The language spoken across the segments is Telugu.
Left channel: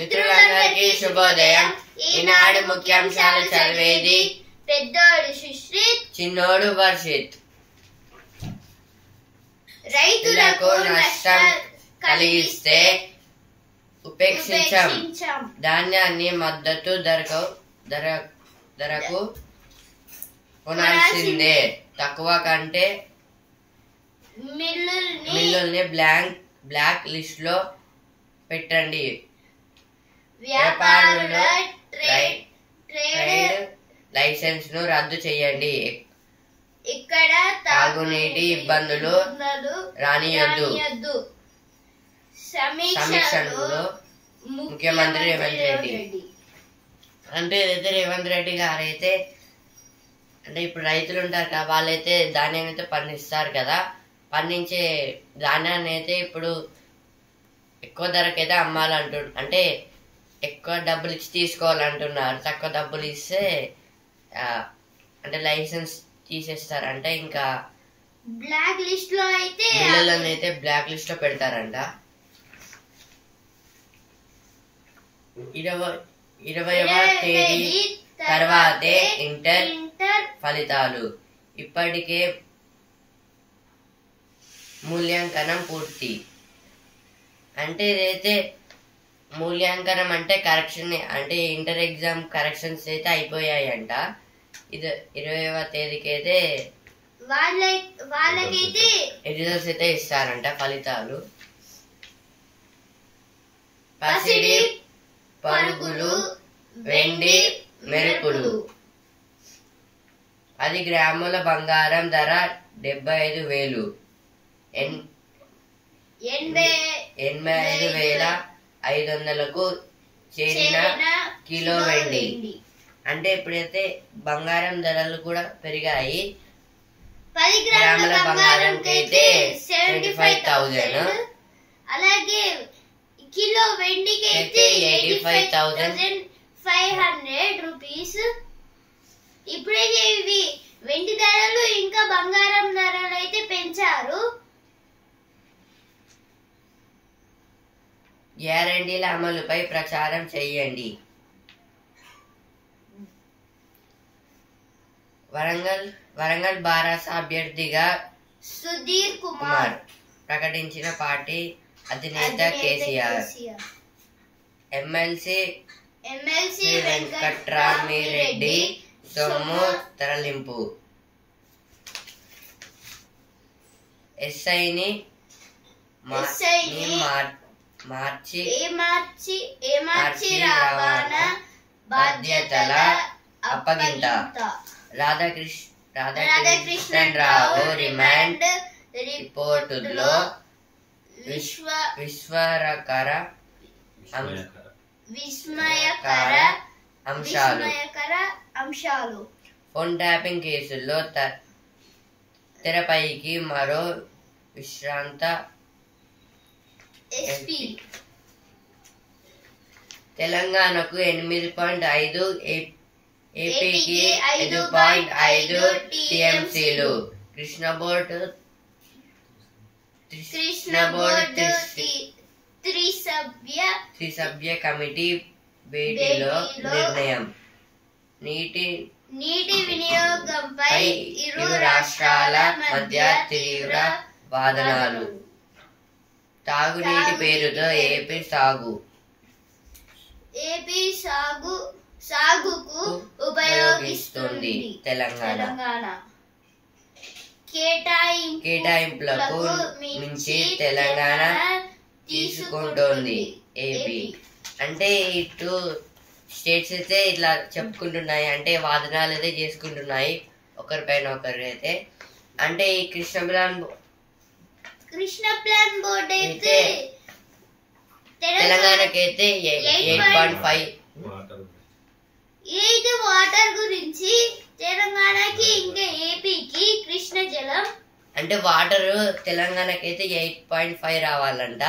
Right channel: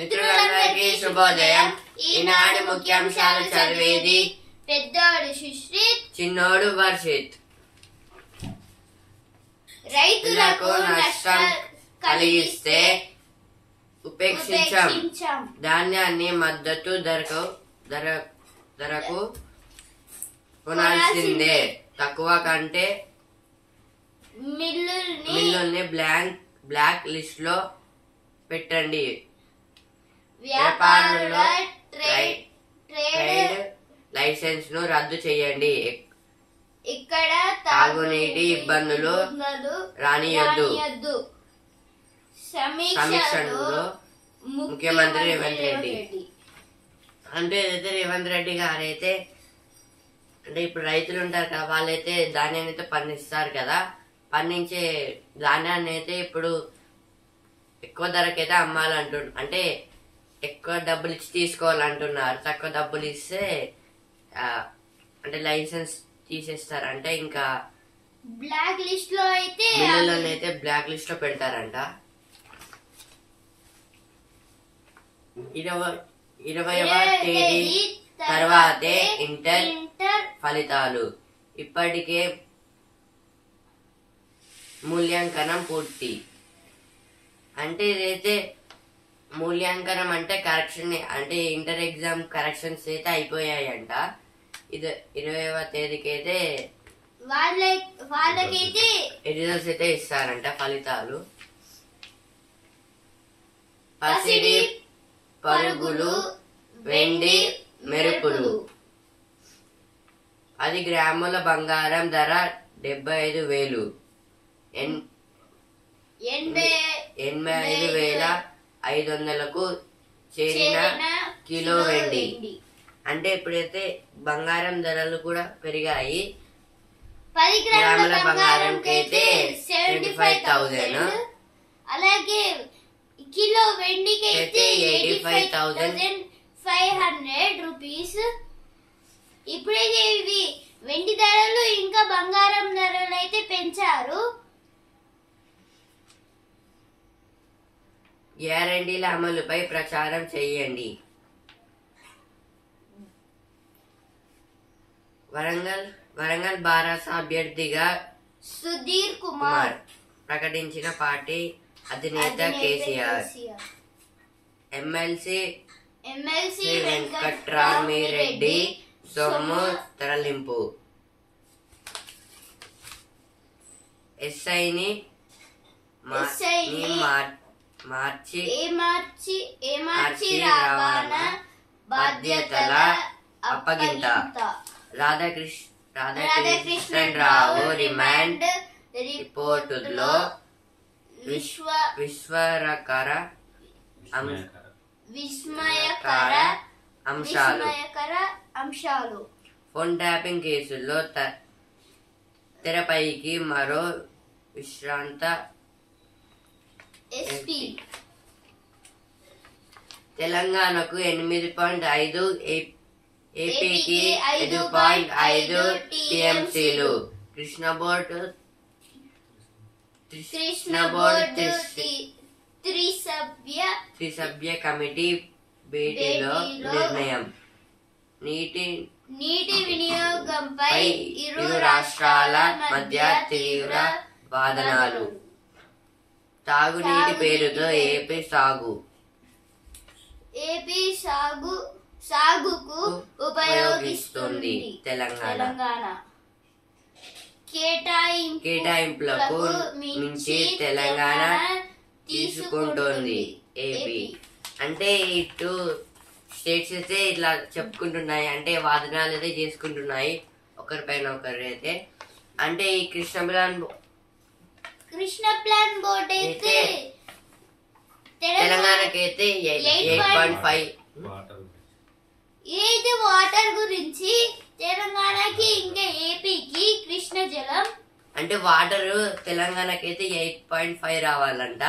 మిత్రులందరికీ శుభోదయం. ఈనాడు ముఖ్యాంశాలు చదివేది పెద్దోడు సుశ్రీత్, చిన్నోడు వర్షిత్. రైతులకు నష్టం కలిగిస్తే ఉపేక్షించాం. ధాన్యాన్ని మద్దతు ధరకు కొనాల్సిందే. తక్కువ కంటే మిల్లుల్ని బ్లాక్ లిస్ట్ లో పెట్టండి. వ్యాపారుల ట్రేడ్ లైసెన్స్ ను రద్దు చేయండి. ఇక్కడ తాగునీటి ఇబ్బందులు రానియొద్దు. సమీక్షలో ముఖ్యమంత్రి రేవంత్ రెడ్డి. అంటే ఏదైతే రేవంత్ రెడ్డి గారు అయితే అంటే ఇప్పుడు రైతులు ఉంటారు కదా, వాళ్ళైతే ధాన్యం అయితే పండిస్తారు కదా, పండించే ధాన్యాన్ని అయితే ఇప్పుడు ఎక్కువ ధరకైతే అమ్మాలంటున్నారు. అంటే ఎక్కువ డబ్బులు ఇచ్చి తీసుకోవాలంటున్నారు. తక్కువ డబ్బులు ఇస్తే అంటే లైసెన్స్ తీసేస్తారు. అంటే ఇంకా బ్లాక్ లిస్ట్ లో అయితే మిల్లులను అయితే బ్లాక్ లిస్ట్ లో పెడతారంట. 20వ తేదీ తర్వాతే ఇంటర్ ఫలితాలు. ఇప్పటికే మూల్యాంకనం పూర్తి. అంటే ఇదైతే మూల్యాంకనం అంటే కరెక్షన్, అంటే ఇంటర్ ఎగ్జామ్ కరెక్షన్స్ అయితే అయిపోయాయంట. ఇది 20వ తేదీకి అయితే వాళ్ళకైతే రిజల్ట్స్ అయితే ఇస్తారంట, ఫలితాలు. పసిడి పరుగులు, వెండి మెరుపులు. 10 గ్రాముల బంగారం ధర 75,000. 85,500కు చేరిన కిలో వెండి. అంటే ఇప్పుడైతే బంగారం ధరలు కూడా పెరిగాయి. 10 గ్రాముల బంగారంకి అయితే 75,000, అలాగే కిలో వెండికి అయితే 85,500 రూపీస్. ఇప్పుడైతే ఇవి వెండి ధరలు ఇంకా బంగారం ధరలు అయితే పెంచారు. గ్యారంటీల అమలుపై ప్రచారం చేయండి. వరంగల్ బారాస అభ్యర్థిగా సుధీర్ కుమార్ ప్రకటించిన పార్టీ అధినేత కేసీఆర్. ఎమ్మెల్సీ వెంకట్రామిరెడ్డి సొమ్ము తరలింపు. ఎస్ఐని మార్చి రవాణా బాధ్యతల అప్పగింత. రాధాకృష్ణరావు రిమాండ్ రిపోర్టులో విస్మయకర అంశాలు. ఫోన్ ట్యాపింగ్ కేసుల్లో తెరపైకి మరో విశ్రాంత ఎస్పీ. తెలంగాణకు 8.5, ఏపీకి 5.5 టీఎంసీలు. కృష్ణ బోర్డు త్రిసభ్య కమిటీ భేటీలో నిర్ణయం. నీటి వినియోగంపై ఇరు రాష్ట్రాల మధ్య తీవ్ర వాదనలు. తాగునీటి పేరుతో ఏపీ సాగుకు ఉపయోగిస్తుంది తెలంగాణ. కేటాయింపులకు మించి తెలంగాణ తీసుకుంటోంది ఏపీ. అంటే ఈ 2 స్టేట్స్ అయితే ఇట్లా చెప్పుకుంటున్నాయి, అంటే వాదనలు అయితే చేసుకుంటున్నాయి ఒకరిపైన ఒకరు అయితే. అంటే ఈ కృష్ణ ప్లాన్ బోర్డు అయితే తెలంగాణకైతే 8.5. ఇది వాటర్ గురించి తెలంగాణకి ఇంకా ఏపీకి కృష్ణ జలం. అంటే వాటర్ తెలంగాణకైతే 8.5 రావాలంట,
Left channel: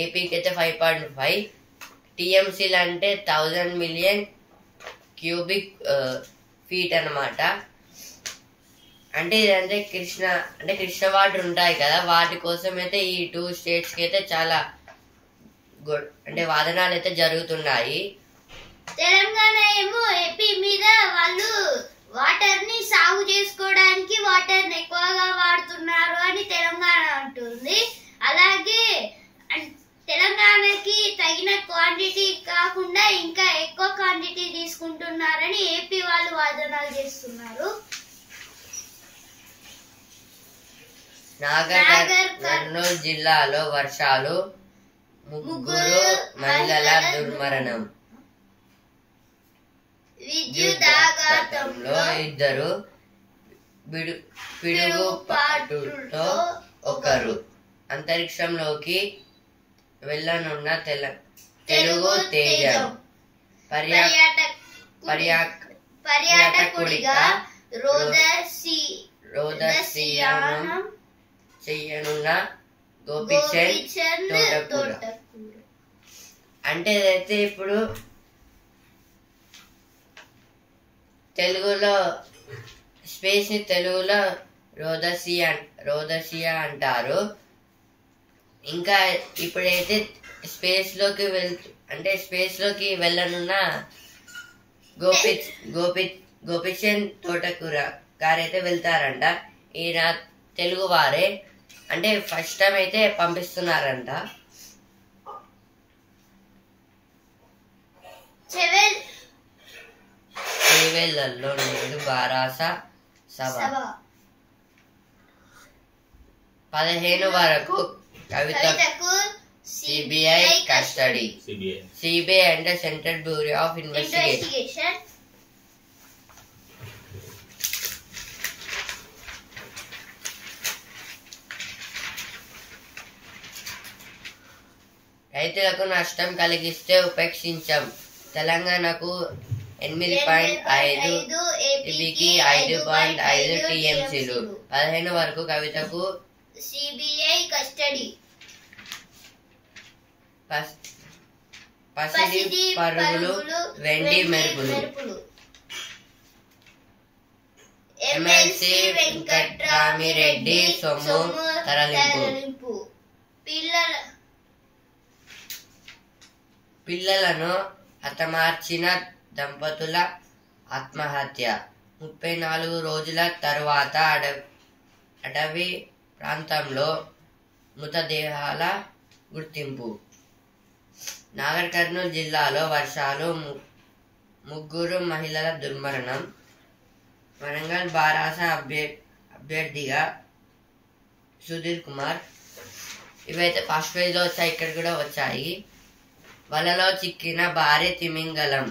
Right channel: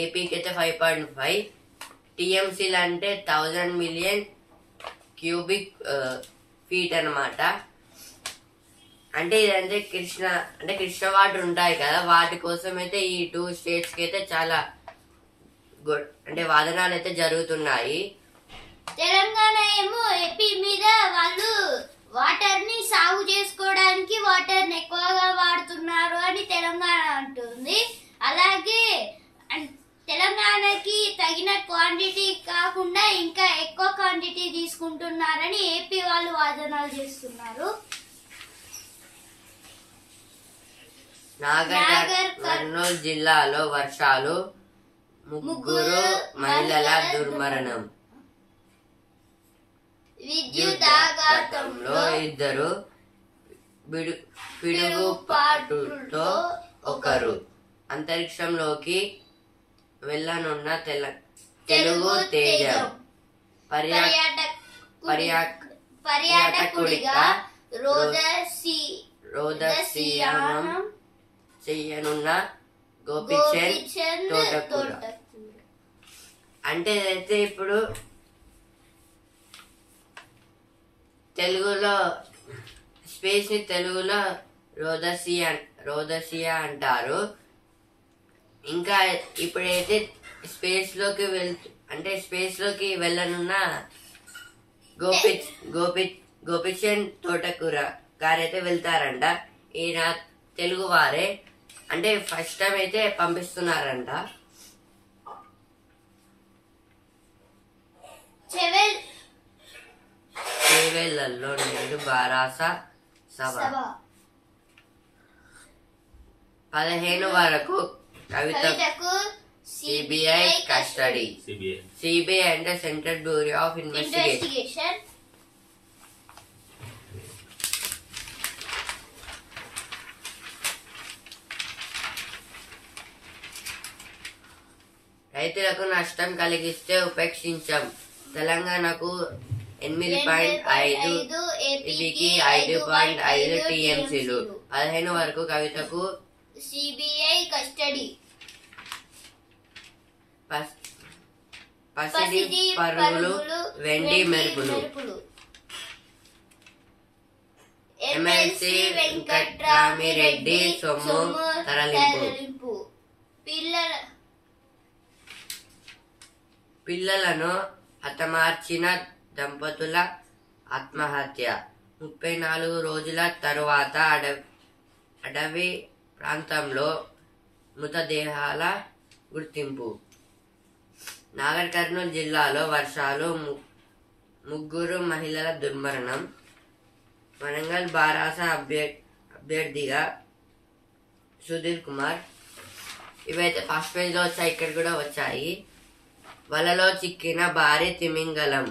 ఏపీకి అయితే 5.5 టీఎంసీలు. అంటే 1000 మిలియన్ క్యూబిక్ ఫీట్ అన్నమాట. అంటే ఇదంటే కృష్ణ వాటర్ ఉంటాయి కదా, వాటి కోసం అయితే ఈ 2 స్టేట్స్ కి అయితే చాలా అంటే వాదనాలు అయితే జరుగుతున్నాయి. తెలంగాణ ఏమో ఏపీ మీద వాళ్ళు వాటర్ ని సాగు చేసుకోవడానికి వాటర్ ని ఎక్కువగా వాడుతున్నారు అని తెలంగాణ అంటుంది. అలాగే తెలంగాణకి తగిన క్వాంటిటీ కాకుండా ఇంకా ఎక్కువ క్వాంటిటీ తీసుకుంటున్నారని ఏపీ వాళ్ళు వాదనలు చేస్తున్నారు. నాగర్ కర్నూలు జిల్లాలో వర్షాలు, 3 మహిళల దుర్మరణం. విద్యుదాఘాతంలో 2, పిడుగుపాటుతో 1. అంతరిక్షంలోకి వెళ్ళనున్న తెలుగు తేజం. పర్యాటకుడిగా రోదసీయానం చెయ్యనున్న గోపిచంద్ తోటకూర. అంటే అయితే ఇప్పుడు తెలుగులో స్పేస్ ని తెలుగులో రోదసియా అంటారు. ఇంకా ఇప్పుడైతే స్పేస్ లోకి వెళ్ళనున్న గోపిచంద్ తోటకూర గారైతే వెళ్తారంట. ఈయన తెలుగు వారే, అంటే ఫస్ట్ టైం అయితే పంపిస్తున్నారంట. చేవెళ్లలో నేడు బారాస సభ. 15 వరకు కవితకు సిబిఐ కస్టడీ. సిబిఐ అంటే సెంట్రల్ బ్యూరో ఆఫ్ ఇన్వెస్టిగేషన్. రైతులకు నష్టం కలిగిస్తే ఉపేక్షించాం. తెలంగాణకు 8.5, ఏపీకి 5.5 టీఎంసీలు. 15 వరకు కవితకు సిబిఐ కస్టడీ. పసిడి పరుగులు, వెండి మెరుపులు. ఎమ్మెల్సీ వెంకట్రామిరెడ్డి సొమ్ము తరలింపు. పిల్లలను హతమార్చిన దంపతుల ఆత్మహత్య. 34 రోజుల తరువాత అడవి ప్రాంతంలో మృతదేహాల గుర్తింపు. నాగర్ కర్నూలు జిల్లాలో వర్షాలు, 3 మహిళల దుర్మరణం. వరంగల్ బారాస అభ్యర్థిగా సుధీర్ కుమార్. ఇవైతే ఫస్ట్ పేజ్ లో వచ్చాయి, ఇక్కడ కూడా వచ్చాయి. వలలో చిక్కిన భారీ తిమింగలం.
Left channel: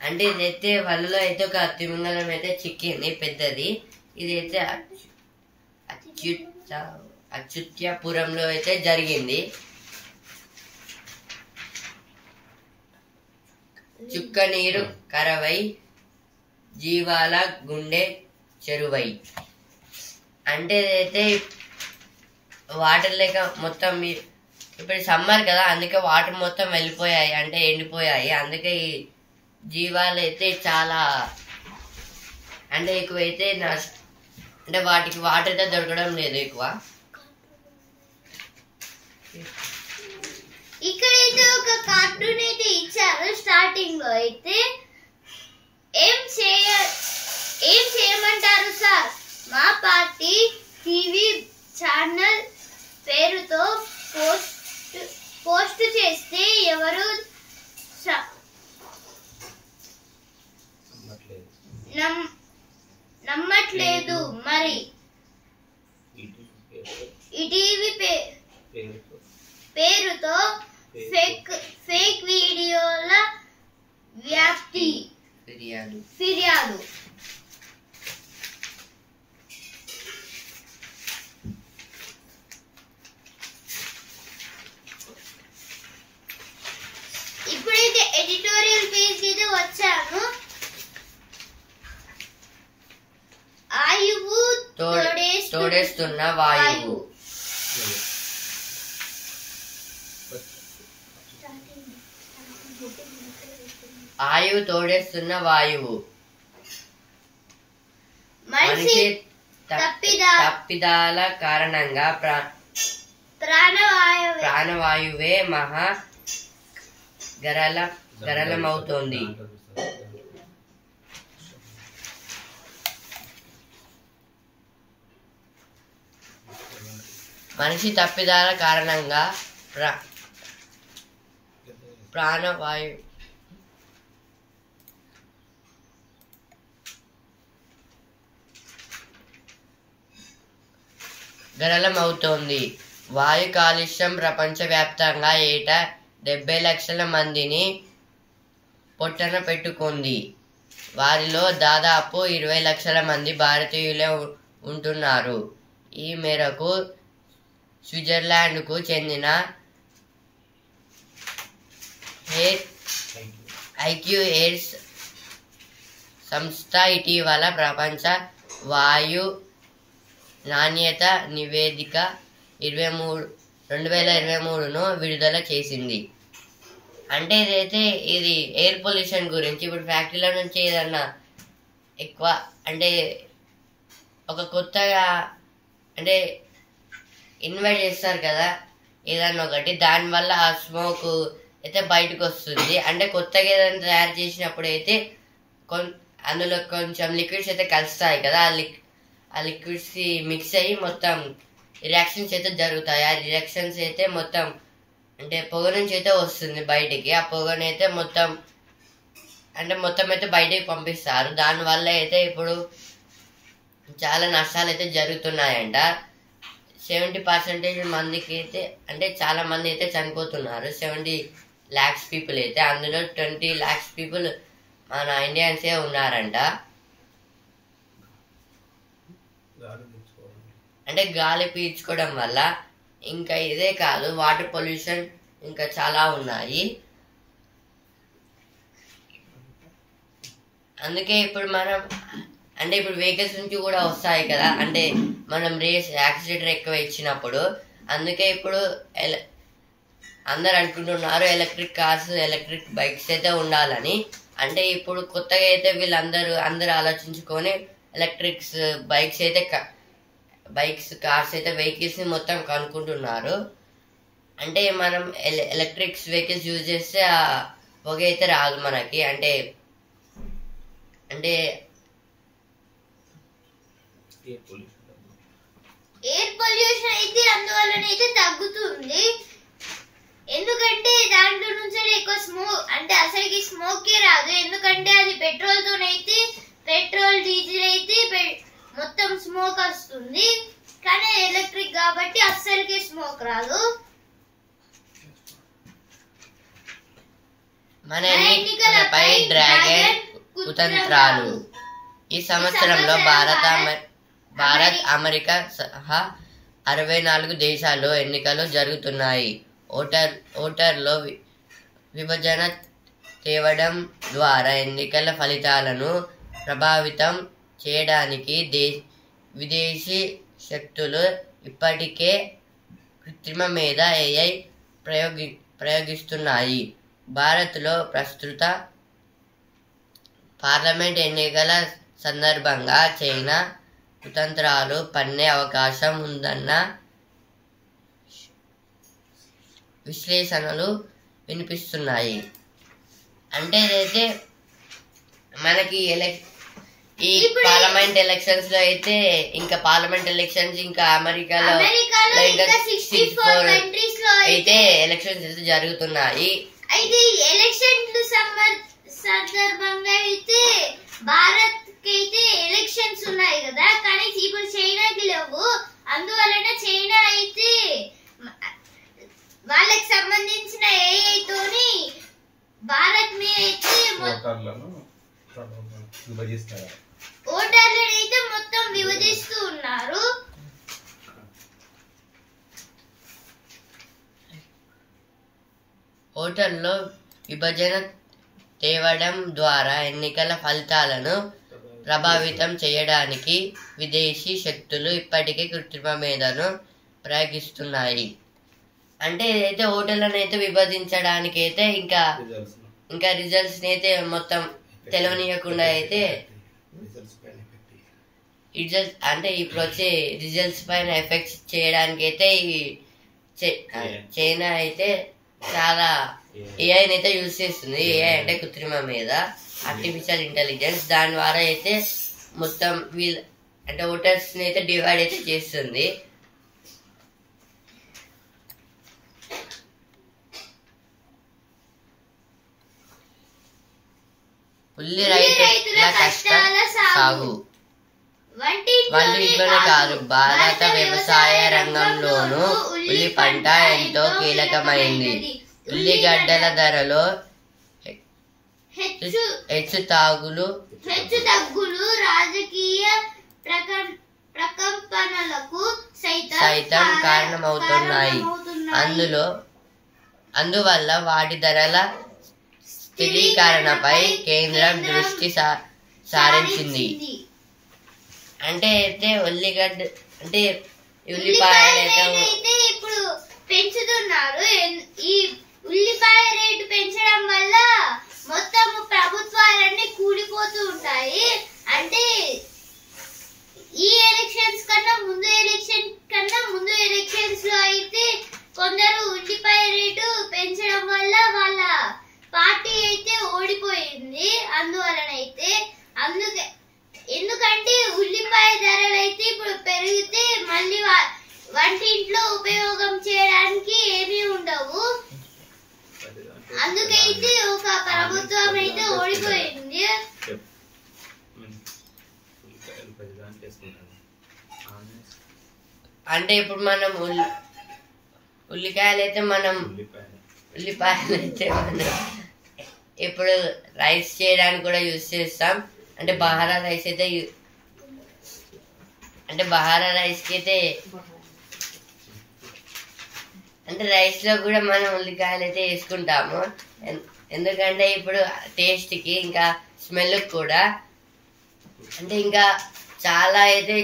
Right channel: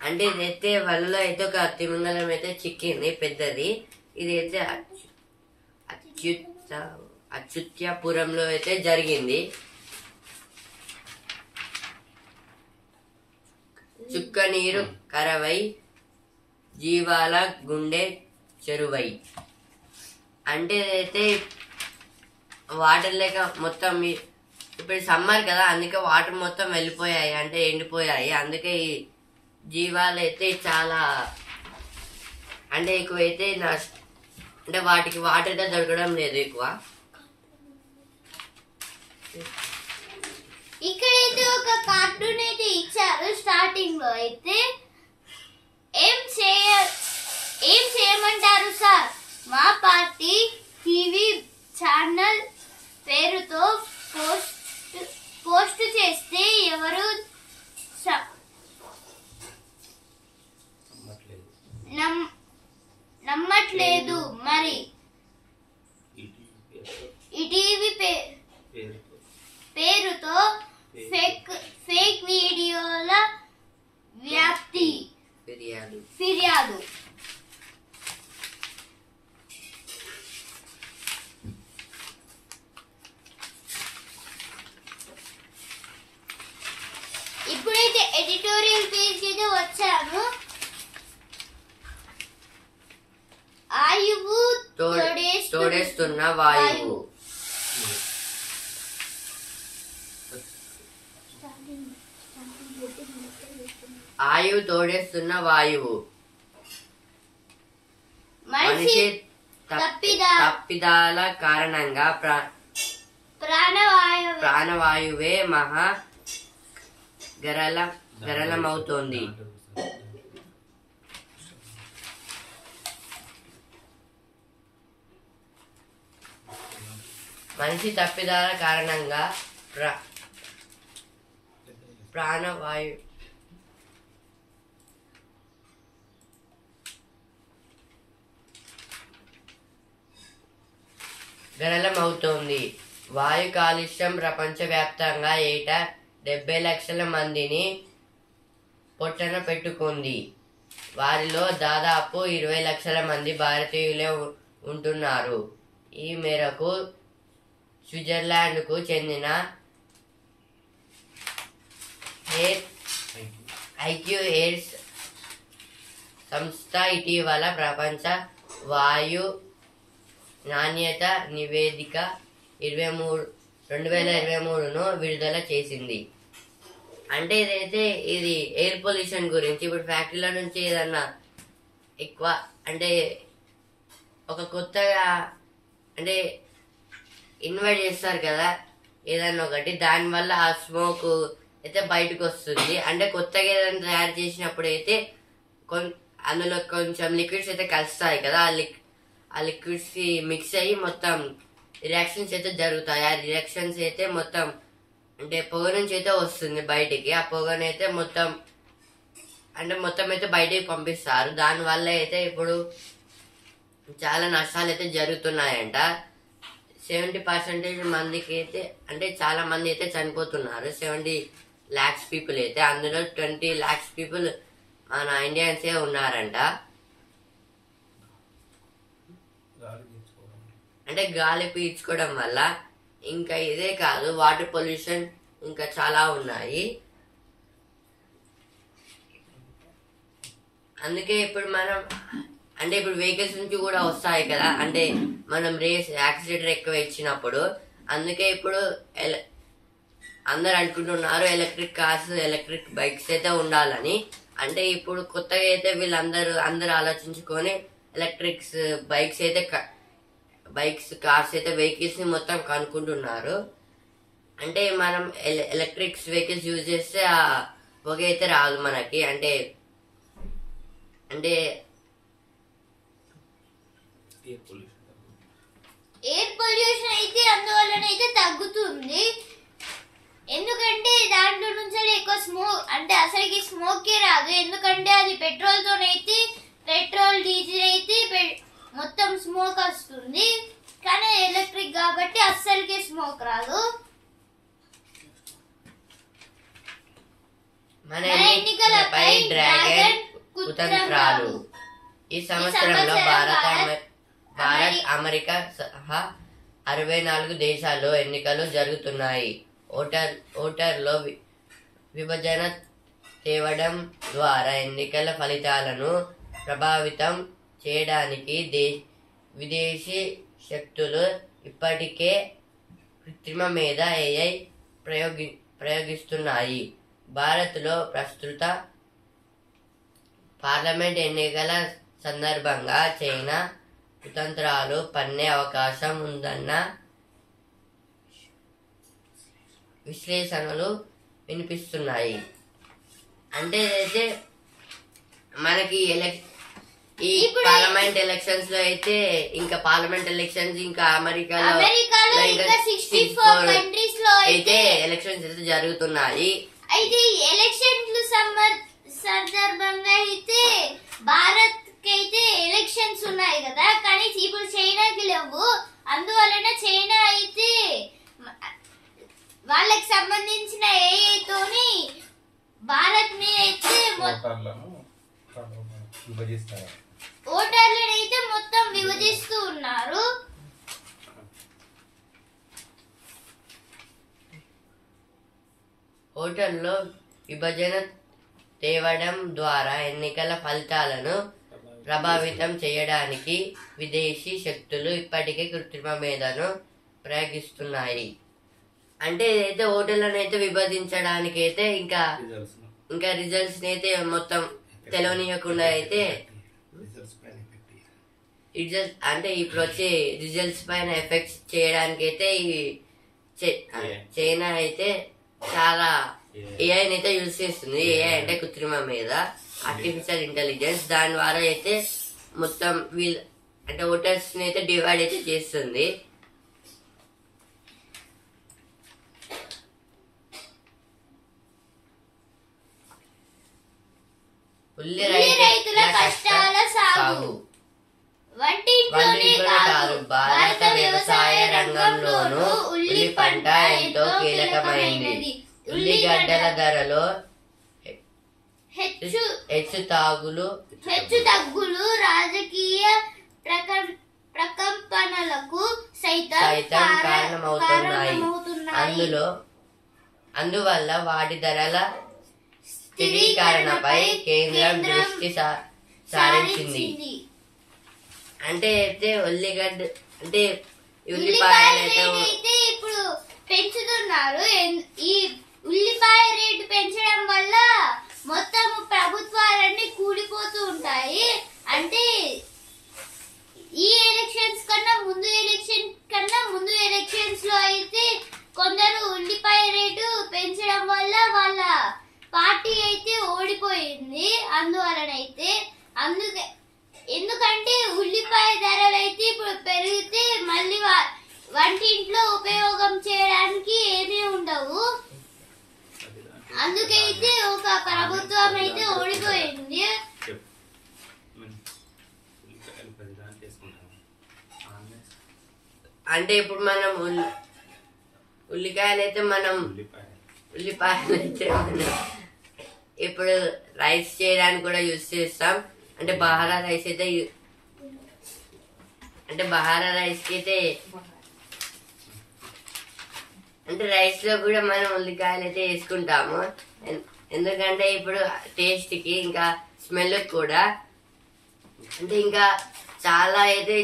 అంటే ఇదైతే వలలో అయితే ఒక తిమింగలం అయితే చిక్కింది, పెద్దది. ఇదైతే అచ్యుత్యపురంలో అయితే జరిగింది. చుక్క నీరు కరవై జీవాల గుండె చెరువై. అంటే ఇదైతే వాటర్ లేక మొత్తం ఇప్పుడు సమ్మర్ కదా, అందుకే వాటర్ మొత్తం వెళ్ళిపోయాయి, అంటే ఎండిపోయాయి. అందుకే ఈ జీవాలు అయితే చాలా అంటే ఎక్కువైతే అంటే వాటికి వాటర్ అయితే దొరకడం లేదు ఎక్కువ. ఇక్కడైతే ఒక కార్టూన్ అయితే ఇచ్చారు. స్టార్టింగ్ లో అయితే ఏం చేయమంటారు సార్, మా పార్టీ టీవీ ఛానల్ పేరుతో పోస్ట్ చేస్తే ఎవరు నమ్మట్లేదు. మరి ఈటీవీ పేరుతో ఫేక్ వీడియోల వ్యాప్తి, ఫిర్యాదు. ఇప్పుడైతే ఎడిటోరియల్ పేజ్ కి వచ్చాను. ఆయువు తోడేస్తున్న వాయువు. ఆయువు తోడేస్తున్న వాయువు. మనిషి తప్పిదాల కారణంగా ప్రాణవాయువే మహా గరళమవుతోంది. మనిషి తప్పిదాల కారణంగా ప్రాణవాయు గరళమవుతోంది. వాయు కాలుష్యం ప్రపంచవ్యాప్తంగా ఏటా 70 లక్షల మందిని పొట్టన పెట్టుకుంది. వారిలో దాదాపు 20 లక్షల మంది భారతీయులే ఉంటున్నారు. ఈ మేరకు స్విట్జర్లాండ్కు చెందిన ఐక్యూ ఎయిర్స్ సంస్థ ఇటీవల ప్రపంచ వాయు నాణ్యత నివేదిక 2023ను విడుదల చేసింది. అంటే ఇది ఎయిర్ పొల్యూషన్ గురించి. ఇప్పుడు ఫ్యాక్టరీల నుంచి ఏదన్నా ఎక్కువ అంటే ఒక కొత్తగా అంటే ఇన్వైట్ చేస్తారు కదా ఏదన్నా ఒకటి, దానివల్ల ఆ స్మోక్ అయితే బయటకు వస్తుంది. అంటే కొత్తగా ఏదైనా తయారు చేసినప్పుడు అయితే అందులో కొంచెం లిక్విడ్స్ అయితే కలుస్తాయి కదా, ఆ లిక్విడ్స్ మిక్స్ అయ్యి మొత్తం రియాక్షన్స్ అయితే జరుగుతాయి. ఆ రియాక్షన్స్ అయితే మొత్తం అంటే పొగ నుంచి అయితే వస్తుంది బయటికి. ఆ పొగనైతే మొత్తం అయితే బయటికి పంపిస్తారు. దానివల్ల అయితే ఇప్పుడు చాలా నష్టాలు అయితే జరుగుతున్నాయంట. 70% మందికి అయితే అంటే చాలా మంది అయితే చనిపోతున్నారు. 70 lakhs పీపుల్ అయితే, అందులో 20 lakhs పీపుల్ మన ఇండియన్సే ఉన్నారంట. అంటే గాలి పీల్చుకోవడం వల్ల. ఇంకా ఇదే కాదు, వాటర్ పొల్యూషన్ ఇంకా చాలా ఉన్నాయి. అందుకే ఇప్పుడు ఇప్పుడు వెహికల్స్ నుంచి కూడా వస్తాయి కదా, అంటే మనం యాక్సిలేటర్ ఎక్కువ ఇచ్చినప్పుడు. అందుకే ఇప్పుడు అందరు అనుకుంటున్నారు ఎలక్ట్రిక్ కార్స్, ఎలక్ట్రిక్ బైక్స్ అయితే ఉండాలని. అంటే ఇప్పుడు కొత్తగా అయితే అందరూ ఆలోచించుకొని ఎలక్ట్రిక్స్ బైక్స్ కార్స్ అయితే వెహికల్స్ ని మొత్తం కనుక్కుంటున్నారు. అంటే మనం ఎలక్ట్రిక్స్ వెహికల్స్ యూజ్ చేస్తే ఆ పొగ అయితే రాదు మనకి. అంటే ఎయిర్ పొల్యూషన్ అయితే అందువల్లనైతే తగ్గుతుంది. ఎందుకంటే దాంట్లో నుంచి ఎక్కువ స్మోక్ అంటే అసలుకి స్మోకే రాదు. ఎందుకంటే అది పెట్రోల్ డీజిల్ అయితే మొత్తం స్మోక్ వస్తుంది. కానీ ఎలక్ట్రిక్ కాబట్టి అస్సలకి స్మోక్ రాదు. మన ఎన్నికలపై డ్రాగన్ కుతంత్రాలు. ఈ సంవత్సరంలో భారత్, అమెరికా సహా 64 దేశాల్లో ఎన్నికలు జరుగుతున్నాయి. ఓటర్లో విభజన తేవడం ద్వారా ఎన్నికల ఫలితాలను ప్రభావితం చేయడానికి విదేశీ శక్తులు ఇప్పటికే కృత్రిమ మేధ AI ప్రయోగిస్తున్నాయి. భారత్లో ప్రస్తుత పార్లమెంట్ ఎన్నికల సందర్భంగా చైనా కుతంత్రాలు పన్నే అవకాశం ఉందన్న విశ్లేషణలు వినిపిస్తున్నాయి. అంటే అయితే మనకి ఈ పార్లమెంట్ ఎలక్షన్స్ లో అయితే ఇంకా అమెరికాలో ఇంకా 64 అయితే ఎలక్షన్స్ అయితే జరుగుతున్నాయి. అయితే ఎలక్షన్లు సందర్భంగా అయితే భారత్ కి అయితే ఎలక్షన్స్ ఉన్నాయి కదా, కానీ ఇప్పుడు చైనాకి లేవు. అందువలన చైనా అయితే వాళ్ళకి సంబంధించిన AI తోని భారత్ మీద అయితే ఓటర్లను అయితే మొత్తం విభజిస్తూ ఉన్నారు. ఓటర్లో విభజన తేవడం ద్వారా ఎన్నికల ఫలితాలను ప్రభావితం చేయడానికి విదేశీ శక్తులు ఇప్పటికే కృత్రిమ మేధను ప్రయోగిస్తున్నాయి. అంటే ఏదైతే ఓటర్లను అయితే విభజించడానికి అయితే ఇంకా రిజల్ట్స్ అయితే మొత్తం తెలియనీయకుండా అయితే ఇప్పుడు వచ్చే రిజల్ట్స్ పైన ఎఫెక్ట్స్ చేయడానికి అయితే చైనా అయితే చాలా ఏఐని అయితే యూజ్ చేస్తుంది. ఏఐ అంటే కృత్రిమ మీద ఆర్టిఫిషియల్ ఇంటెలిజెన్స్. దాని ద్వారా అయితే మొత్తం అంటే ఓటర్స్ ని అయితే డివైడ్ అయితే చేస్తుంది. ఉల్లి రైతుల కష్టాల సాగు వంటింట్లోనే కాదు, భారత వ్యవసాయ రంగంలోనూ ఉల్లి పంట ఎంతో కీలకమైంది. ఉల్లిగడ్డల ధరలో హెచ్చు తగ్గులు రాజకీయ ప్రకంపనలకు సైతం కారణమవుతున్నాయి. అందువల్ల వాటి ధరల స్థిరీకరణపై కేంద్రం దృష్టి సారించింది. అంటే అయితే ఉల్లిగడ్డ అంటే ఉల్లిపాయలు అయితే ఇప్పుడు పెంచుతున్నారు. ఈ ఉల్లిపాయ రేటు పెంచడం వల్ల మొత్తం ప్రభుత్వాలన్నీ కూలిపోతూ ఉంటాయి. అంటే ఈ ఎలక్షన్స్ కన్నా ముందు ఎలక్షన్స్ లో అయితే కొందరు ఉల్లిపాయ రేటు పెంచడం వల్ల వాళ్ళ పార్టీ అయితే ఓడిపోయింది. ఎందుకంటే ఉల్లిపాయ ధరలు అయితే ఇప్పుడు పెరిగితే మళ్ళీ వంటింట్లో ఉపయోగం చేయడానికి ఏమీ ఉండవు. అందుకైతే ఒక ప్రభుత్వం అయితే ఓడిపోయింది. అంటే ఇప్పుడు మనం ఉల్లిపాయలు అయితే మనం ఇప్పుడు రైస్ చేయడానికి కూడా యూజ్ చేస్తాం. అంటే బహారా రైస్ అయితే కి అయితే అంటే రైస్ లో కూడా మనం ఉల్లికాయలు అయితే వేసుకుంటాము. ఎందుకంటే ఇప్పుడు టేస్ట్ కి ఇంకా స్మెల్ కూడా అంటే ఇంకా చాలా అయితే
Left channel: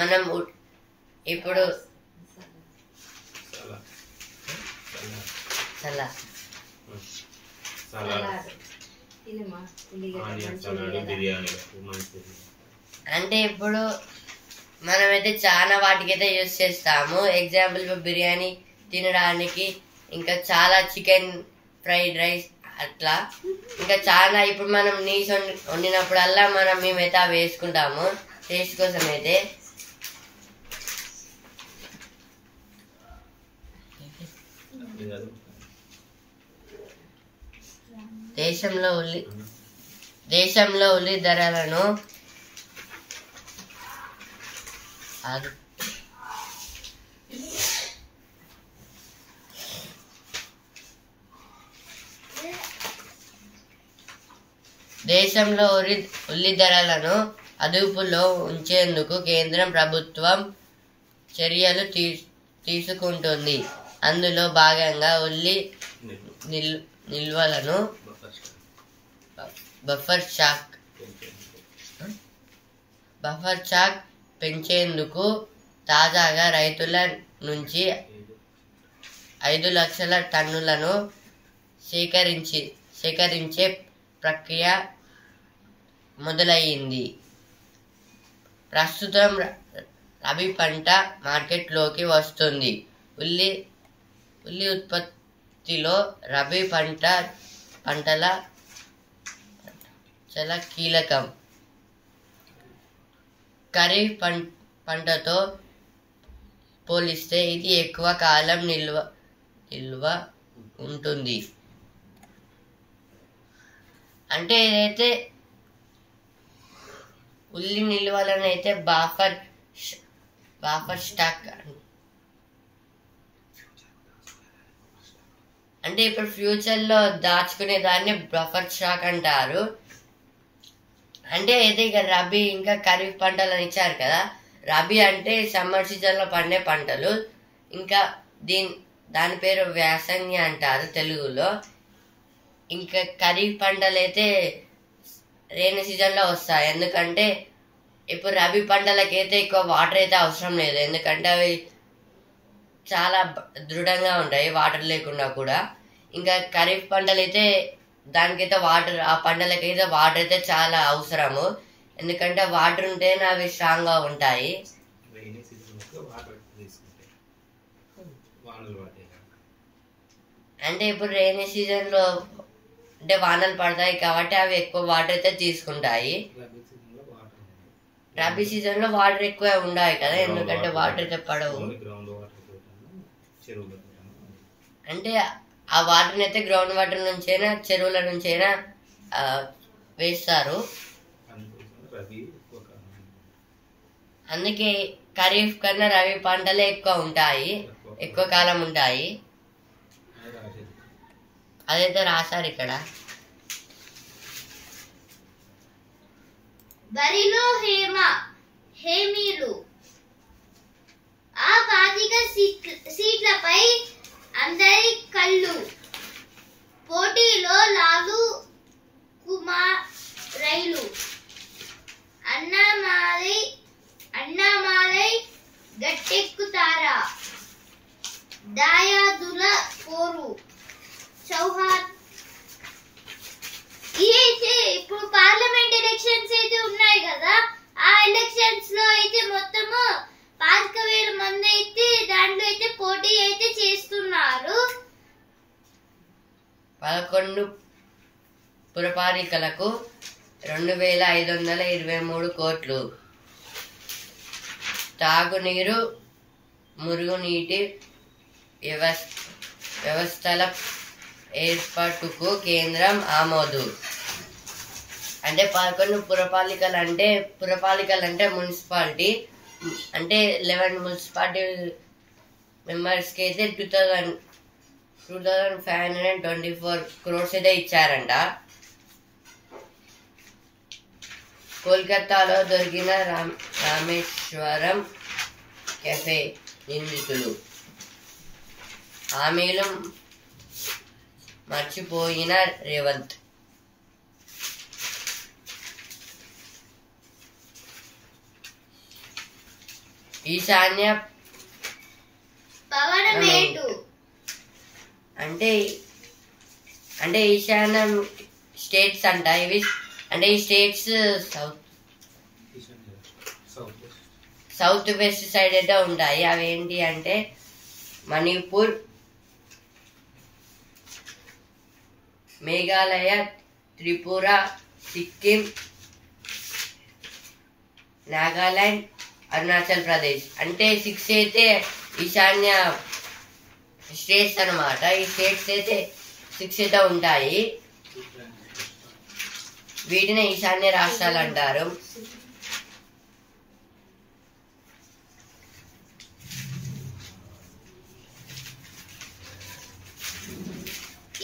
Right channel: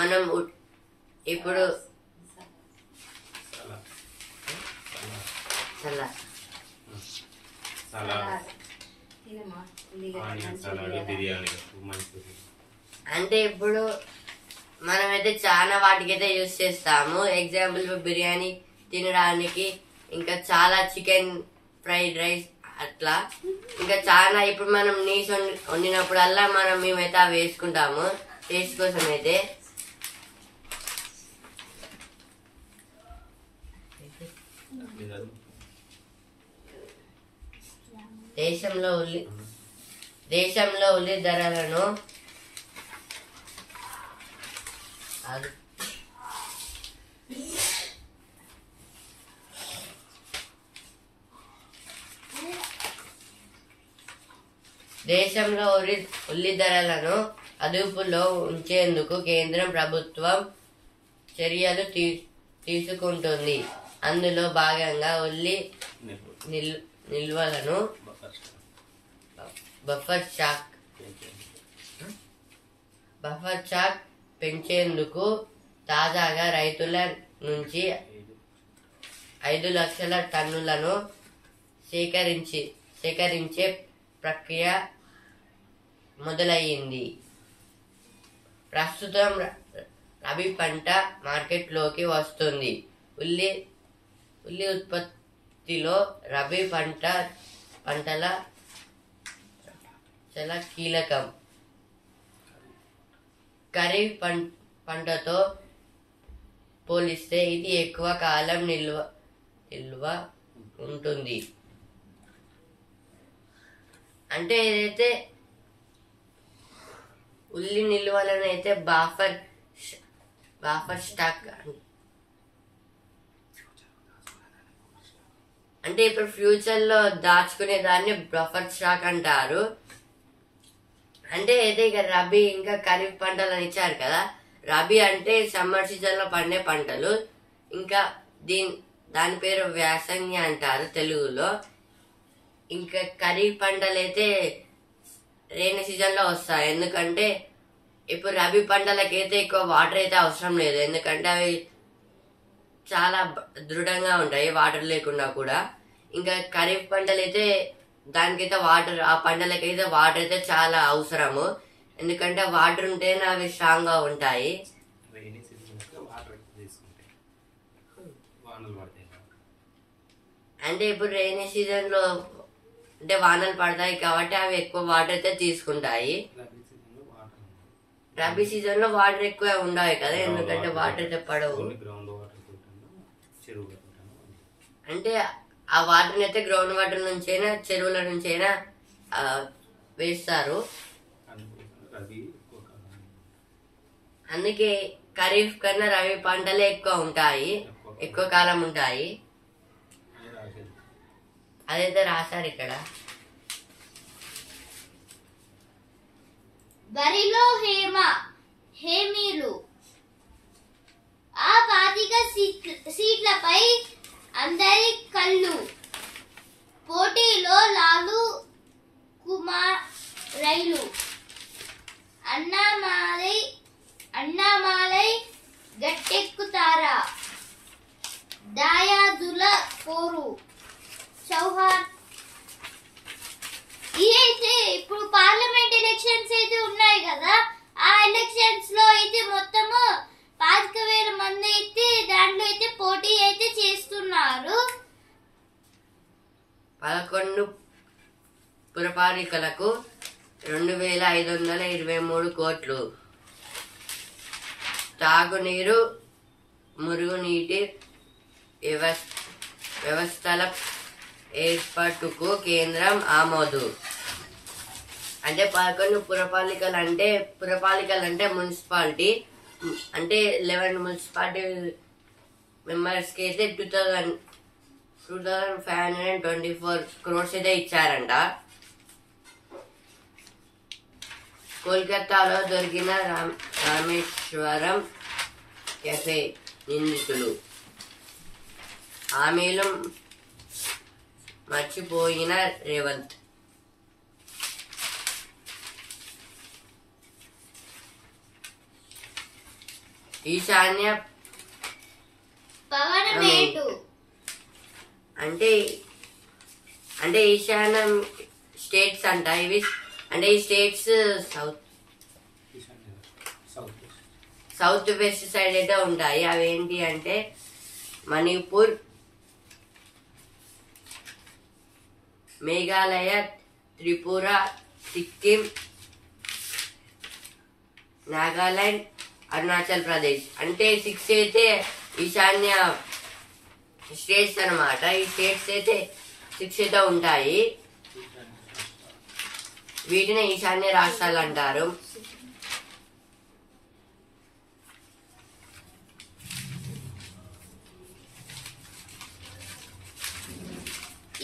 మనం ఇప్పుడు అంటే ఇప్పుడు మనమైతే చాలా వాటికైతే యూజ్ చేస్తాము. ఎగ్జాంపుల్ బిర్యానీ తినడానికి, ఇంకా చాలా చికెన్ ఫ్రైడ్ రైస్ అట్లా ఇంకా చాలా. ఇప్పుడు మనం నీస్ వండినప్పుడల్లా మేమైతే అవి వేసుకుంటాము టేస్ట్ కోసం అయితే. దేశంలో ఉల్లి ధరలను అదుపులో ఉంచేందుకు కేంద్రం ప్రభుత్వం చర్యలు తీసుకుంటుంది. అందులో భాగంగా ఉల్లి నిల్వలను బఫర్ స్టాక్ పెంచేందుకు తాజాగా రైతుల నుంచి 5 లక్షల టన్నులను సేకరించే ప్రక్రియ మొదలయ్యింది. ప్రస్తుతం రబీ పంట మార్కెట్లోకి వస్తుంది. ఉల్లి ఉత్పత్తిలో రబీ పంటల చాలా కీలకం. ఖరీఫ్ పంటతో పోలిస్తే ఇది ఎక్కువ కాలం నిల్వ ఉంటుంది. అంటే ఏదైతే ఉల్లి నిల్వలను అయితే బఫర్ స్టాక్ అంటే ఇప్పుడు ఫ్యూచర్ లో దాచుకునే దాన్ని బఫర్ స్టాక్ అంటారు. అంటే అయితే ఇక రబీ ఇంకా ఖరీఫ్ పంటలను ఇచ్చారు కదా. రబీ అంటే సమ్మర్ సీజన్ లో పండే పంటలు. ఇంకా దాని పేరు వ్యాసంగి అంటారు తెలుగులో. ఇంకా ఖరీఫ్ పంటలు అయితే రైనీ సీజన్ లో వస్తాయి. ఎందుకంటే ఇప్పుడు రబీ పంటలకైతే ఎక్కువ వాటర్ అయితే అవసరం లేదు. ఎందుకంటే అవి చాలా దృఢంగా ఉంటాయి వాటర్ లేకుండా కూడా. ఇంకా ఖరీఫ్ పంటలు అయితే దానికైతే ఆ పంటలకైతే వాటర్ అయితే చాలా అవసరము. ఎందుకంటే వాటర్ ఉంటేనే అవి స్ట్రాంగ్ గా ఉంటాయి. అంటే ఇప్పుడు రైనీ సీజన్ లో అంటే వానలు పడతాయి కాబట్టి అవి ఎక్కువ వాటర్ అయితే తీసుకుంటాయి. రబీ సీజన్ లో వాటర్ ఎక్కువ ఉండాలి కదా, ఎందుకంటే వాటర్ అయితే పడవు. అంటే ఆ వాటర్ అయితే గ్రౌండ్ వాటర్ నుంచైనా చెరువుల నుంచైనా వేస్తారు. అందుకే ఖరీఫ్ కన్నా రబీ పంటలే ఎక్కువ ఉంటాయి, ఎక్కువ కాలం ఉంటాయి. అదైతే రాశారు ఇక్కడ. బరిలో హేమీలు ఆ 25 సీట్లపై అందరి కళ్ళు. పోటీలో లాలు కుమార్ రైలు అన్నామాలై గట్టెక్కుతారా? దాయాదుల పోరు చౌహాన్. అయితే ఇప్పుడు పార్లమెంట్ ఎలక్షన్స్ అయితే ఉన్నాయి కదా, ఆ ఎలక్షన్స్ లో అయితే మొత్తము 25,000 మంది అయితే దాంట్లో అయితే పోటీ అయితే చేస్తున్నారు. 11 పురపాలికలకు 2,523 కోట్లు. తాగునీరు, మురుగునీటి వ్యవస్థల ఏర్పాటుకు కేంద్రం ఆమోదు. అంటే 11 పురపాలికలు అంటే మున్సిపాలిటీ, అంటే 11 మున్సిపాలిటీ మెంబర్స్కి అయితే 2,524 crores అయితే ఇచ్చారంట. కోల్కతాలో దొరికిన రామేశ్వరం కెఫే నిందితులు. హామీలు మర్చిపోయిన రేవంత్. ఈశాన్య అంటే ఈశాన్యం స్టేట్స్ అంట ఇవి. అంటే ఈ స్టేట్స్ సౌత్ వెస్ట్ సైడ్ అయితే ఉంటాయి. అవి ఏంటి అంటే మణిపూర్, మేఘాలయ, త్రిపుర, సిక్కిం, నాగాలాండ్, అరుణాచల్ ప్రదేశ్. అంటే 6 అయితే ఈశాన్య స్టేట్స్ అన్నమాట. ఈ స్టేట్స్ అయితే 6 అయితే ఉంటాయి. వీటిని ఈశాన్య రాష్ట్రాలు అంటారు.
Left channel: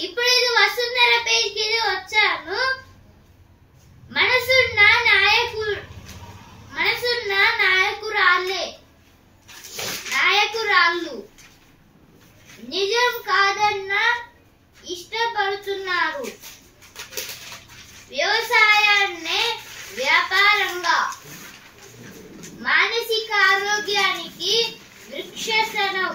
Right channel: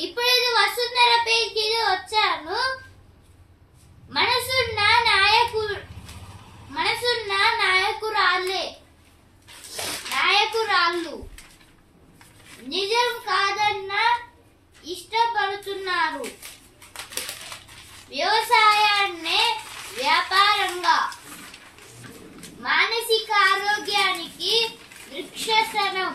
ఇప్పుడు ఇది వసుంధర పేజ్కి ఇది వచ్చాను. మనసున్న నాయకురాళ్ళు నిజం కాదన్న ఇష్టపడుతున్నారు. వ్యవసాయాన్నే వ్యాపారంగా, మానసిక ఆరోగ్యానికి వృక్షాసనం.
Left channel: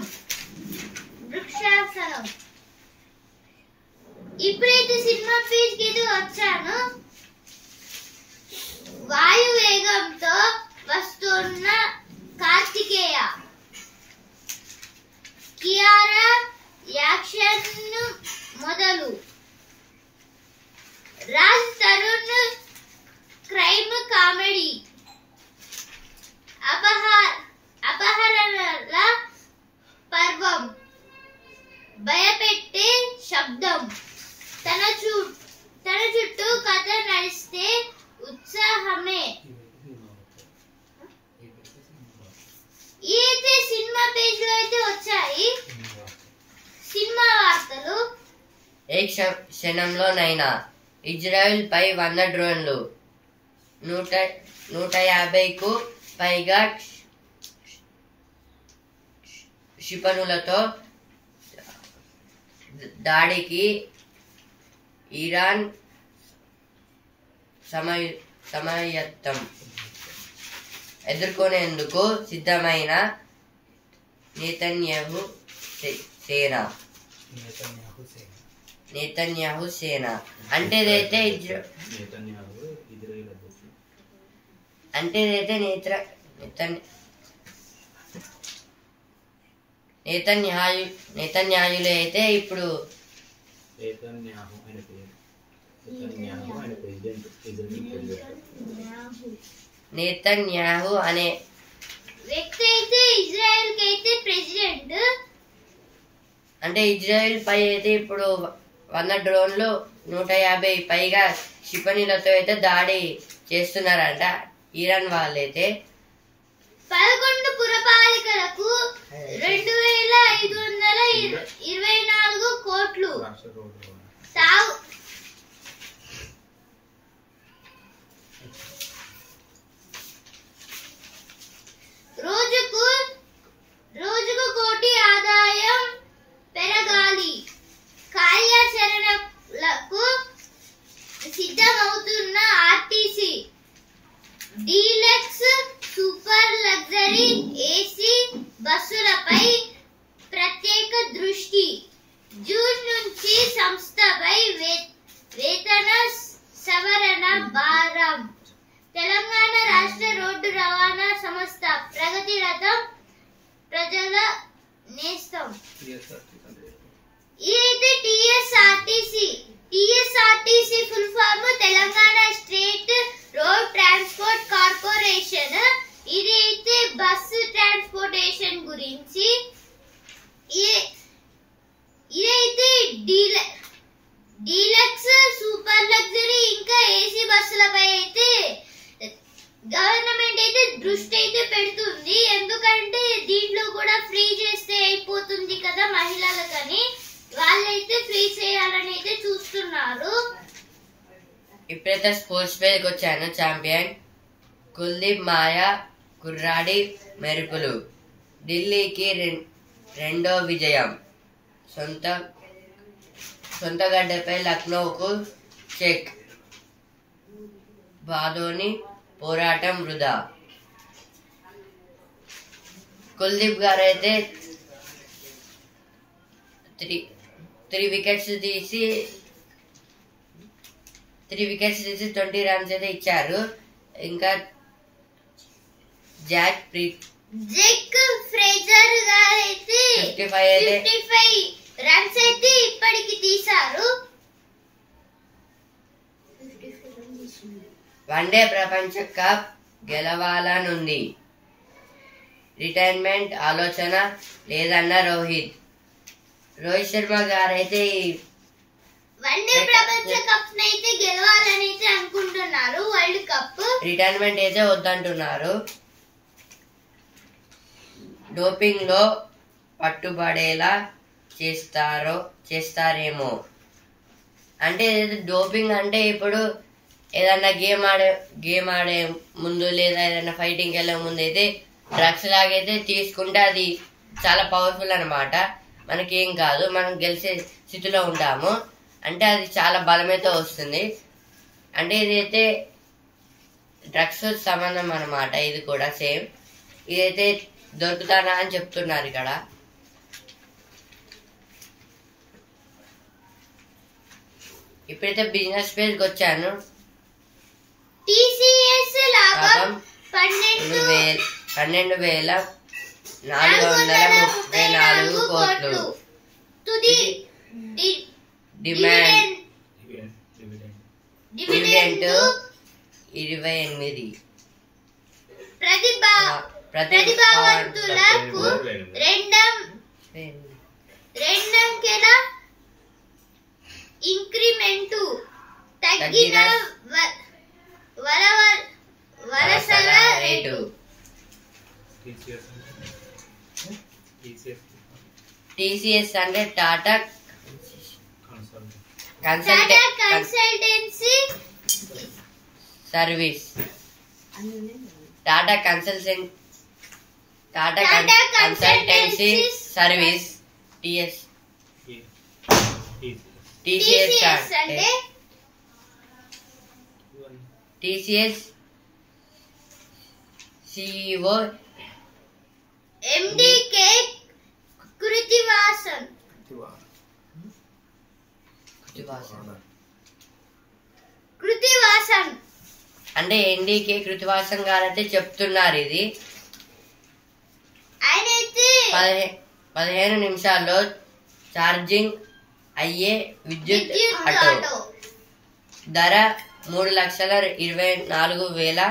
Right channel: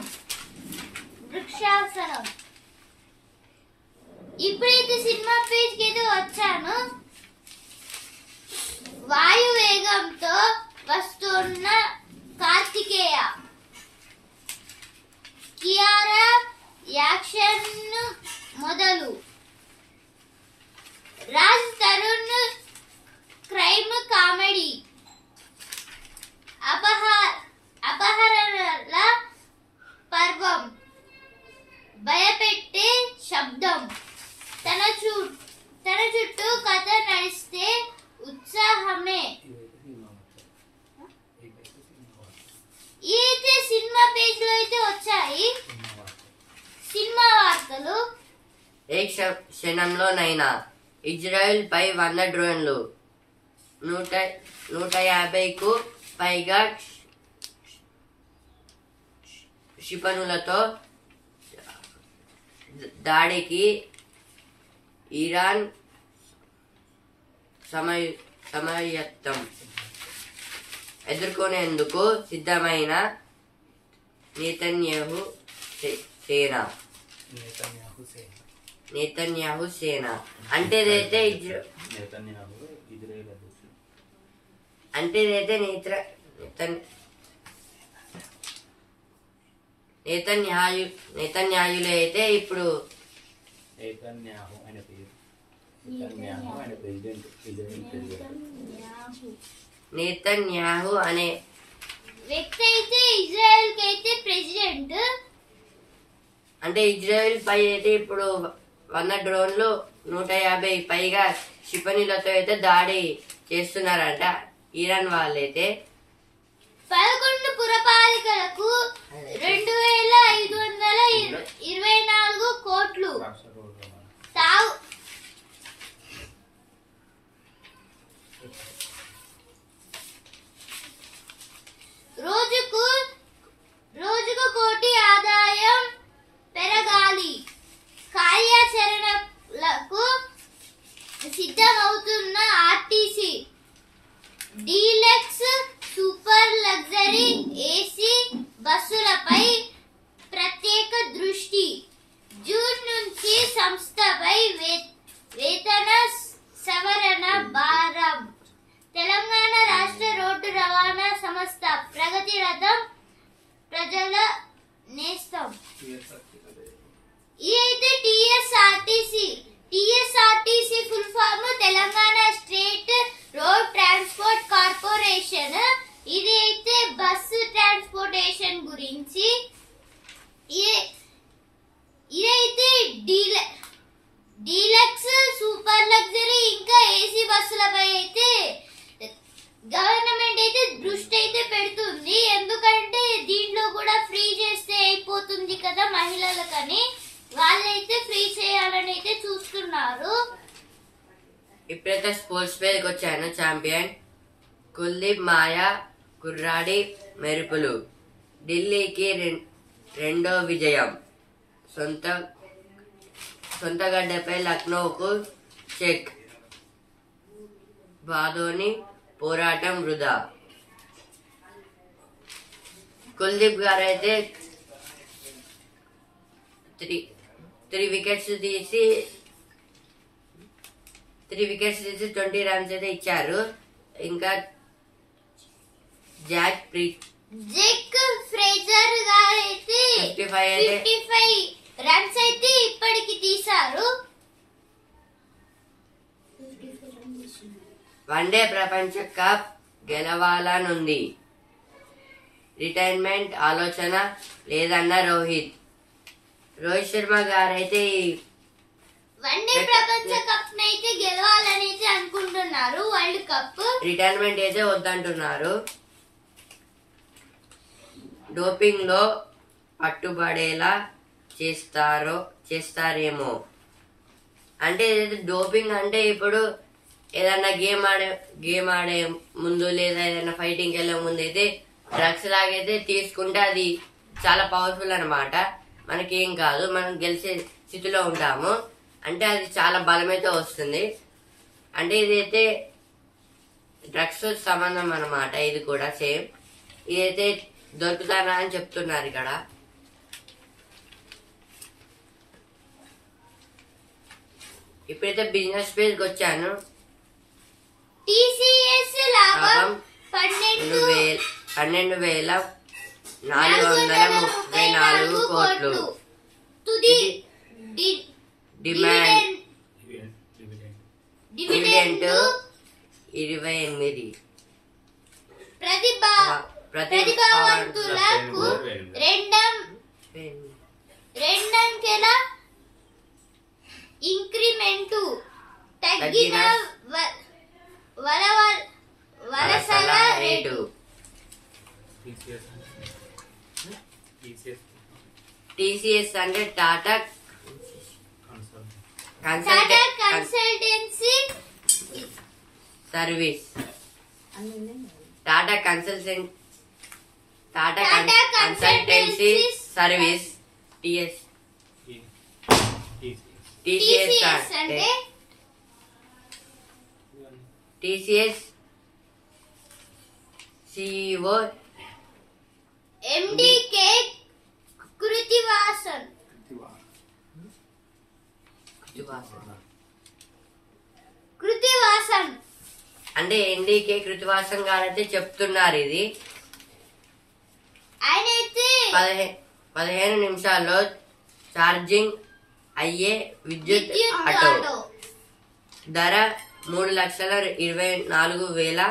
ఇప్పుడైతే సినిమా పేజ్కి అయితే వచ్చాను. వాయు వేగంతో వస్తున్న కార్తికేయ, కియారా యాక్షన్ మొదలు. Raj Tarun crime comedy. అపహరణల పర్వం, భయపెట్టే శబ్దం. తన చుట్టూ కథ నడిస్తే ఉత్సాహమే. అయితే సినిమా పేజ్ లో అయితే వచ్చాయి సినిమా వార్తలు. ఏ క్షణంలోనైనా ఇజ్రాయెల్ పై 100 డ్రోన్లు, 150కు పైగా క్షిపణులతో దాడికి ఇరాన్ సమాయత్తం. ఎదుర్కొనేందుకు సిద్ధమైన నేతన్యాహు సేన. అంటే నేతన్యాయులే అయితే ఇప్పుడు నేతన్యాహు ఆయన పేరు. నేతన్యాహు ఆయన ప్రెసిడెంట్, ఇజ్రాయెల్ ప్రెసిడెంట్. నేతన్యాహు అనే వ్యక్తి అయితే ఇజ్రాయెల్ కి అయితే ప్రెసిడెంట్. అంటే ఇజ్రాయెల్ పై అయితే ఇప్పుడు 100 డ్రోన్లు 150 పైగా క్షిపణులతో అయితే దాడి చేస్తున్నారంట ఇరాన్ వాళ్ళైతే. 11 పురపాలికలకు 2524 కోట్లు రాష్ట్ర రోడ్డు రవాణా. సాగు రోజుకు కోటి ఆదాయం పెరగాలి. కార్యాచరణలకు సిద్ధమవుతున్న RTC deluxe super luxury AC బస్సులపై ప్రత్యేక దృష్టి. జూన్ నుంచి సంస్థపై వేతన సవరణ భారం. తెలంగాణ రాష్ట్ర రోడ్డు రవాణా సంస్థ ప్రగతి రథం ప్రజల నేస్తం. ఇదైతే TSRTC full form Telangana state road transport corporation. ఇది అయితే బస్సు ట్రాన్స్పోర్టేషన్ గురించి. ఇదైతే డీలక్స్ సూపర్ లగ్జరీ ఇంకా ఏసీ బస్సులపై అయితే గవర్నమెంట్ అయితే దృష్టి అయితే పెడుతుంది. ఎందుకంటే దీంట్లో కూడా ఫ్రీ చేస్తే అయిపోతుంది కదా మహిళలకని, వాళ్ళైతే ఫ్రీ చేయాలని అయితే చూస్తున్నారు. ఇప్పుడైతే స్పోర్ట్స్ పేరుకి వచ్చాను. ఛాంపియన్ కుల్దీప్ మాయా కుర్రాడి మెరుపులు. ఢిల్లీకి రెండో విజయం. సొంత గడ్డపై లక్నోకు చెక్. బాధోని పోరాటం వృధా. కుల్దీప్ గారు అయితే 3 వికెట్స్ తీసి 20 రన్స్ అయితే ఇచ్చారు. ఇంకా జాక్ ఫ్రేజర్ గారు అయితే 55 రన్స్ అయితే ఇప్పటికి తీశారు. వన్డే ప్రపంచ కప్ గెలవాలనుంది. రిటైర్మెంట్ ఆలోచన లేదన్న రోహిత్ శర్మ గారైతే వన్డే ప్రపంచ కప్ అయితే గెలవాలని అయితే అనుకుంటున్నారు. వరల్డ్ కప్ రిటైర్మెంట్ అయితే వద్దంటున్నారు. డోపింగ్ లో పట్టుబడేలా చేస్తారేమో. అంటే డోపింగ్ అంటే ఇప్పుడు ఏదన్నా గేమ్ ఆడే ముందు లేదా ఏదైనా ఫైటింగ్కి వెళ్ళే ముందు అయితే డ్రగ్స్ లాగైతే తీసుకుంటే అది చాలా పవర్ఫుల్ అన్నమాట. మనకేం కాదు, మనం గెలిచే స్థితిలో ఉంటాము. అంటే అది చాలా బలమైతే వస్తుంది. అంటే ఇదైతే డ్రగ్స్ సంబంధం అన్నమాట. ఇది కూడా సేమ్. ఇదైతే దొరుకుతానా అని చెప్తున్నారు ఇక్కడ. ఇప్పుడైతే బిజినెస్ పేజ్కి వచ్చాను. టీసీఎస్ లాభం 12,434 కోట్లు. తుది డిమాండ్ డివిడెండ్ 28. ప్రతిభావంతులకు రెండంకెల ఇంక్రిమెంటు. తగ్గిన వలసల రేటు. టీసీఎస్ అంటే Tata consultancy service. Tata consultancy service TCS అంటే టీసీఎస్ సిఇఓ ఎండికే కృతివాసన్ అంటే ఎన్డీకే కృతివాసన్ గారు అయితే చెప్తున్నారు. ఇది ఆయనైతే 15 నిమిషాల్లో ఛార్జింగ్ అయ్యే విద్యుత్ ఆటో ధర 3,24,000.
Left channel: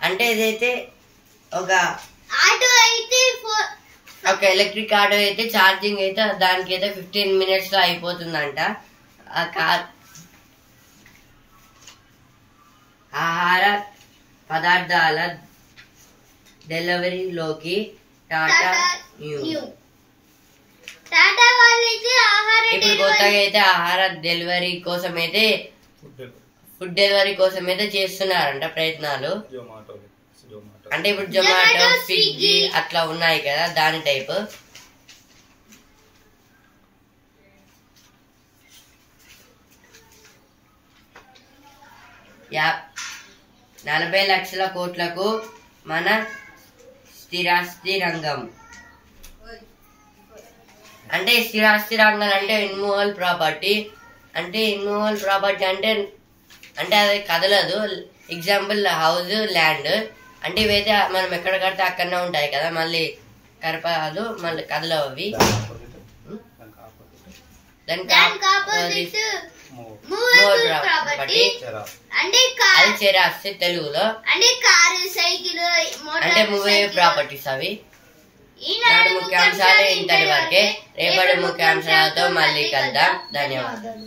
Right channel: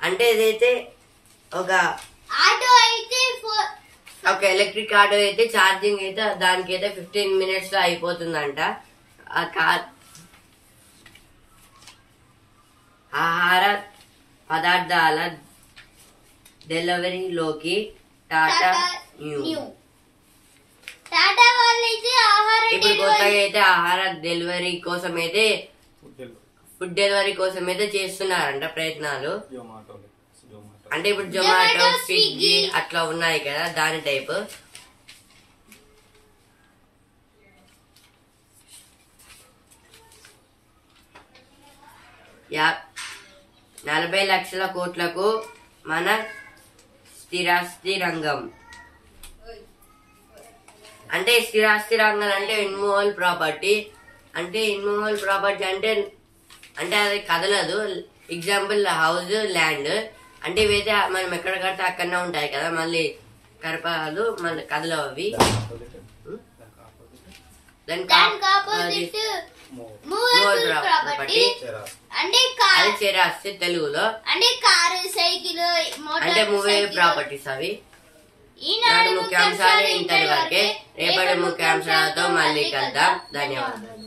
అంటే ఇదైతే ఒక ఎలక్ట్రిక్ ఆటో అయితే ఛార్జింగ్ అయితే దానికైతే 15 minutes లో అయిపోతుందంట. ఆ కార్ ఆహార పదార్థాల డెలివరీలోకి టాటా న్యూ. ఇప్పుడు కొత్తగా అయితే ఆహార డెలివరీ కోసం అయితే ఫుడ్ డెలివరీ కోసం అయితే చేస్తున్నారంట ప్రయత్నాలు. అంటే ఇప్పుడు జొమాటో, స్విగ్గీ అట్లా ఉన్నాయి కదా, దాని టైప్. యా 40 లక్షల కోట్లకు మన స్థిరాస్తి రంగం. అంటే స్థిరాస్తి రంగం అంటే ఇన్మూవల్ ప్రాపర్టీ. అంటే ఇన్మూవల్ ప్రాపర్టీ అంటే అది కదలదు. Example house, land. అంటే ఇవైతే మనం ఎక్కడ కడితే అక్కడనే ఉంటాయి కదా, మళ్ళీ కరపదు, మళ్ళీ కదలవు అవి. ప్రాపర్టీ అది స్థిరాస్తి తెలుగులో. అంటే కారు, సైకిల్, అంటే మూవీ ప్రాపర్టీస్ అవి. నాడు ముఖ్యాంశాలు ఇంతటి వరకే. రేపటి ముఖ్యాంశాలతో మళ్ళీ కలుద్దాం. ధన్యవాదాలు.